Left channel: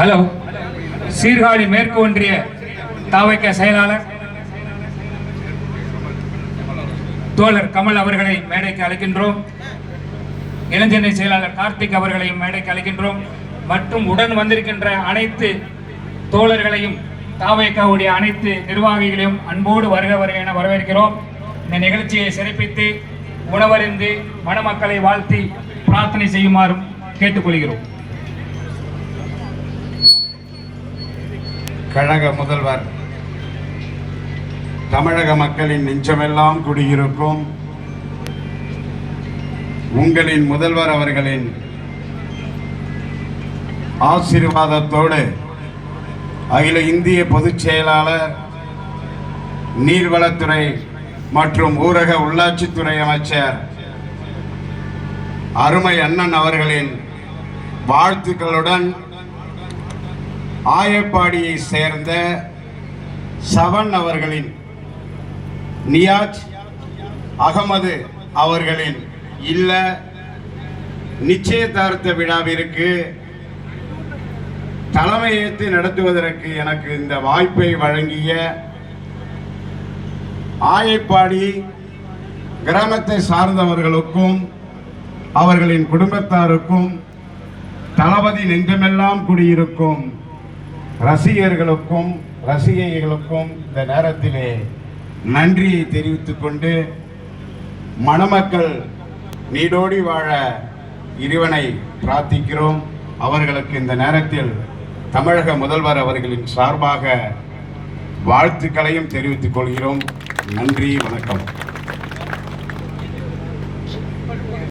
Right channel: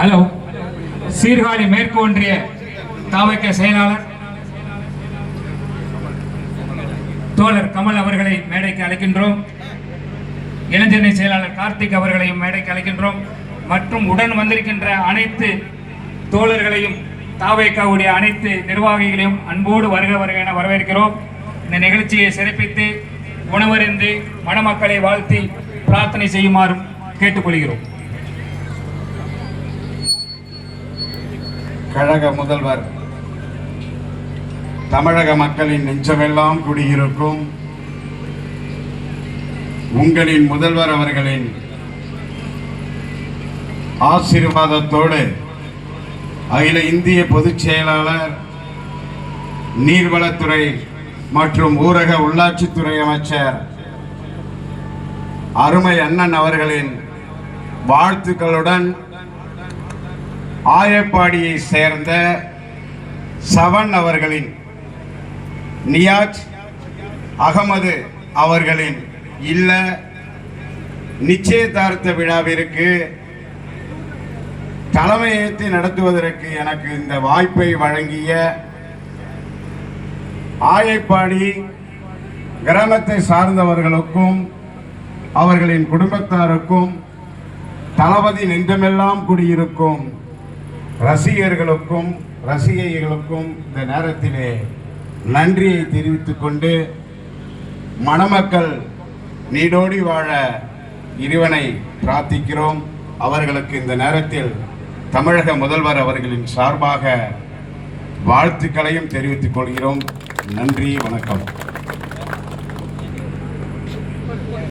Hello, Sirkazhi மேற்கு ஒன்றிய தாவக செயலாளர் தோழர் கமல் அவர்களை மேடைக்கு அழைக்கின்றோம். இளைஞரணி செயலாளர் கார்த்திக் அவர்களையும் மேடைக்கு அழைக்கின்றோம். மற்றும் உடன் வந்திருக்கின்ற அனைத்து தோழர்களையும் தாவேக்காவுடைய அனைத்து நிர்வாகிகளையும் அன்போடு வருக வருக என வரவேற்கிறோம். இந்த நிகழ்ச்சியை சிறப்பித்து உணவருந்து மணமக்களை வாழ்த்தி பிரார்த்தனை செய்யுமாறும் கேட்டுக்கொள்கிறோம். கழக முதல்வர், தமிழக மக்களின் நெஞ்சமெல்லாம் குடியிருக்கும் உங்களின் முதல்வர் அவர்களின் ஆசீர்வாதத்தோடு அகில இந்திய பொதுச் செயலாளர், நீர்வளத்துறை மற்றும் ஊரக உள்ளாட்சித்துறை அமைச்சர் அருமை அண்ணன் அவர்களின் வாழ்த்துக்களுடன் ஆயப்பாடியை சேர்ந்த சவன் அவர்களின் நியாஜ் அகமது அவர்களின் இல்ல நிச்சயதார்த்த விழாவிற்கு தலைமையேற்று நடத்துவதற்கு எனக்கு இந்த வாய்ப்பை வழங்கிய ஆயப்பாடி கிராமத்தை சார்ந்தவர்களுக்கும் அவர்களின் குடும்பத்தாருக்கும் தளபதி நெஞ்சமெல்லாம் குடியிருக்கும் ரசிகர்களுக்கும் ரசிகைகளுக்கும் இந்த நேரத்திலே நன்றியை தெரிவித்துக் கொண்டு மணமக்கள் நீடோடி வாழ இறைவனை பிரார்த்திக்கிறோம். அவர்களுக்கு இந்த நேரத்தில் தமிழக முதல்வர் அவர்களின் சார்பாக வாழ்த்துக்களையும் தெரிவித்துக் கொள்கிறோம். நன்றி, வணக்கம்.